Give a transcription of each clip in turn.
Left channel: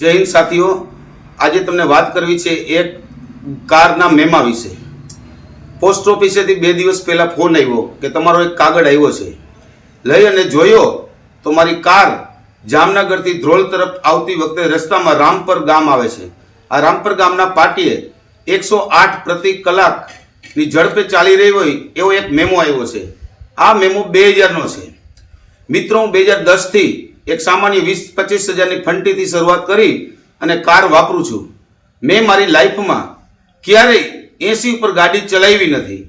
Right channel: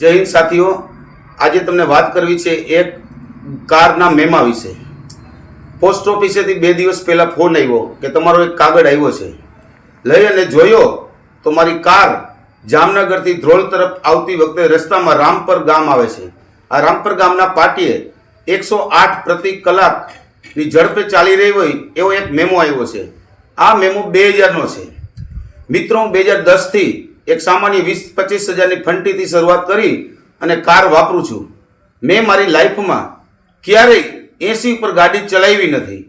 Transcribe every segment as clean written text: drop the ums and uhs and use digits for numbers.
જય હિન્દ સાથીઓ, આજે તમને વાત કરવી છે એક કારના મેમા વિશે। પોસ્ટ ઓફિસેથી 2 દિવસ પહેલા ફોન આવ્યો કે તમારો એક કાગળ આવ્યો છે। લઈ અને જોયો તો મારી કાર જામનગરથી ધ્રોલ તરફ આવતી વખતે રસ્તામાં રામપર ગામ આવે છે। આ રામપર ગામના પાટીએ 108 પ્રતિ કલાકની ઝડપે ચાલી રહી હોય એવો એક મેમો આવ્યો છે। આ મેમો 2000નો છે। મિત્રો, 2010 થી એક સામાન્ય 20-25 હજારની ફંટીથી શરૂઆત કરી અને કાર વાપરું છું। મેં મારી લાઈફમાં ક્યારેય 80 ઉપર ગાડી ચલાવી નથી।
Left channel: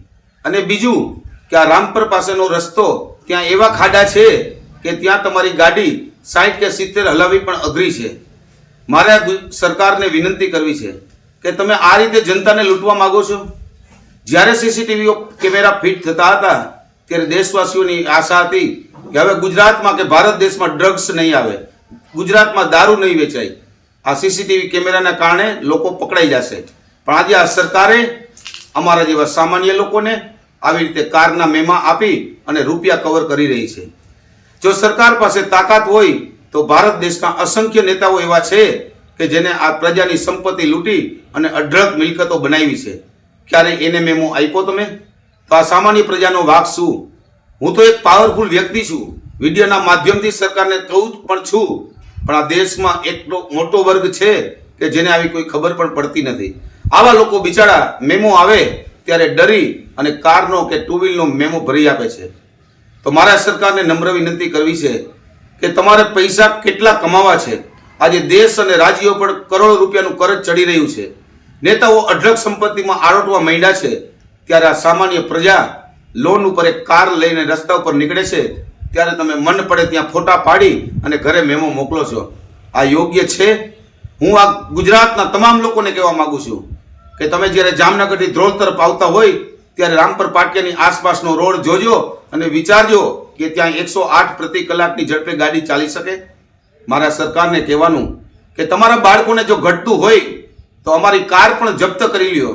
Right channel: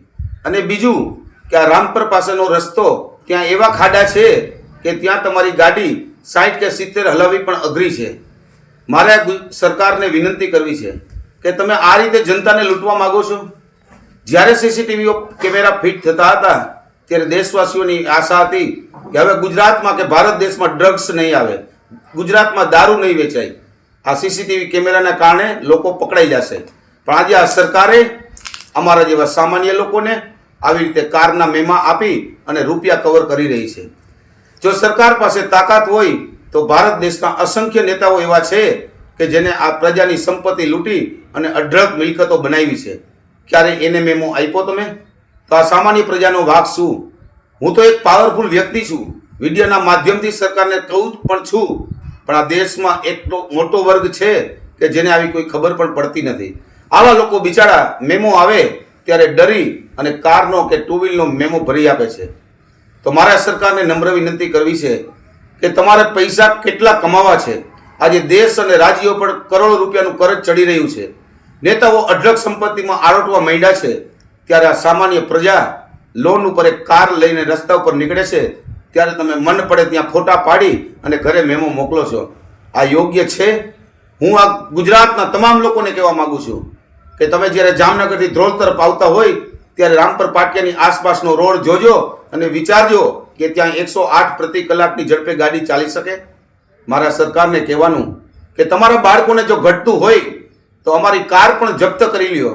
અને બીજું કે આ રામપર પાસેનો રસ્તો ત્યાં એવા ખાડા છે કે ત્યાં તમારી ગાડી 60 કે 70 હલાવવી પણ અઘરી છે। મારે આ સરકારને વિનંતી કરવી છે કે તમે આ રીતે જનતાને લૂંટવા માંગો છો। જ્યારે સીસીટીવી કેમેરા ફિટ થતા હતા ત્યારે દેશવાસીઓની આશા હતી કે હવે ગુજરાતમાં કે ભારત દેશમાં ડ્રગ્સ નહીં આવે, ગુજરાતમાં દારૂ નહીં વેચાય। આ સીસીટીવી કેમેરાના કારણે લોકો પકડાઈ જશે। પણ આજે આ સરકારે અમારા જેવા સામાન્ય લોકોને આવી રીતે કારના મેમા આપી અને રૂપિયા કવર કરી રહી છે। જો સરકાર પાસે તાકાત હોય તો ભારત દેશના અસંખ્ય નેતાઓ એવા છે કે જેને આ પ્રજાની સંપત્તિ લૂંટી અને અઢળક મિલકતો બનાવી છે। ક્યારે એને મેમો આપ્યો તમે? તો આ સામાન્ય પ્રજાનો વાંક શું? હું તો એક પાવરફુલ વ્યક્તિ છું, વિડીયોના માધ્યમથી સરકારને કહું પણ છું, પણ આ દેશમાં એટલો મોટો વર્ગ છે કે જેને આવી કોઈ ખબર પણ પડતી નથી। આવા લોકો બિચારા મેમો આવે ત્યારે ડરી અને કારનો કે ટુ વ્હીલનો મેમો ભરી આપે છે। તો મારા સરકારને નમ્ર વિનંતી કરવી છે કે તમારે પૈસા કેટલા કમાવા છે। આજે દેશ અને રાજ્યો પર કરોડો રૂપિયાનું કરજ ચડી રહ્યું છે। નેતાઓ અઢળક સંપત્તિમાં આરોટવા માંડ્યા છે, ત્યારે આ સામાન્ય પ્રજા લોન ઉપર એક કાર લઈને રસ્તા ઉપર નીકળે છે ત્યારે તમે મન પડે ત્યાં ફોટા પાડી અને ઘરે મેમો મોકલો છો। આ યોગ્ય છે? હું આ ગુજરાતના તમામ લોકોને કહેવા માંગુ છું કે તમે જ્યારે જામનગરથી ધ્રોલ તરફ આવતા હોય ત્યારે રામપર પાટિયાની આસપાસનો રોડ જોજો અને વિચારજો કે ત્યાં 108 પ્રતિ કલાકની ઝડપે ગાડી ચાલી શકે। મારા સરકારને કહેવાનું કે તમારા બાળકોને જો ઘટતું હોય તો અમારી કાર પણ જપ્ત કરી લ્યો,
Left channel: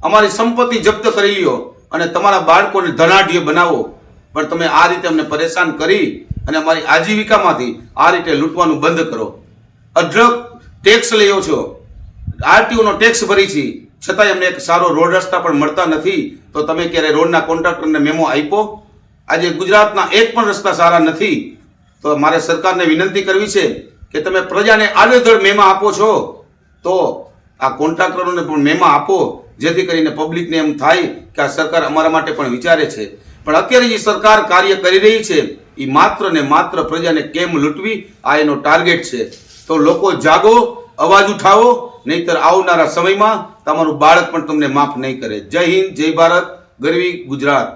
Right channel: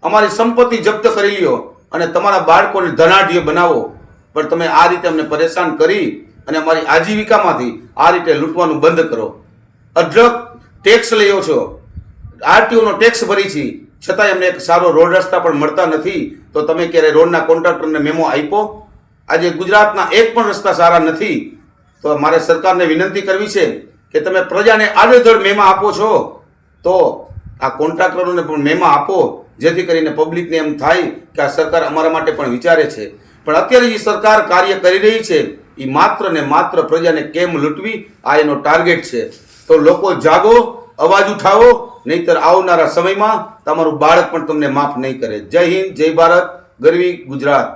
અમારી સંપત્તિ જપ્ત કરી લ્યો અને તમારા બાળકોને ધનાઢ્ય બનાવો। પણ તમે આ રીતે અમને પરેશાન કરી અને અમારી આજીવિકામાંથી આ રીતે લૂંટવાનું બંધ કરો। અઢળક ટેક્સ લઈઓ છો, આરટીઓનો ટેક્સ ભરી છે, છતાંય અમને એક સારો રોડ રસ્તા પણ મળતા નથી। તો તમે ક્યારે રોડના કોન્ટ્રાક્ટરને મેમો આપ્યો? આજે ગુજરાતના એક પણ રસ્તા સારા નથી। તો મારે સરકારને વિનંતી કરવી છે કે તમે પ્રજાને આડેધડ મેમા આપો છો તો આ કોન્ટ્રાક્ટરોને પણ મેમા આપો, જેથી કરીને પબ્લિકને એમ થાય કે આ સરકાર અમારા માટે પણ વિચારે છે। પણ અત્યારે જે સરકાર કાર્ય કરી રહી છે એ માત્ર ને માત્ર પ્રજાને કેમ લૂંટવી, આ એનો ટાર્ગેટ છે। તો લોકો જાગો, અવાજ ઉઠાવો, નહીતર આવનારા સમયમાં તમારું બાળક પણ તમને માફ નહીં કરે। જય હિન્દ, જય ભારત, ગરવી ગુજરાત।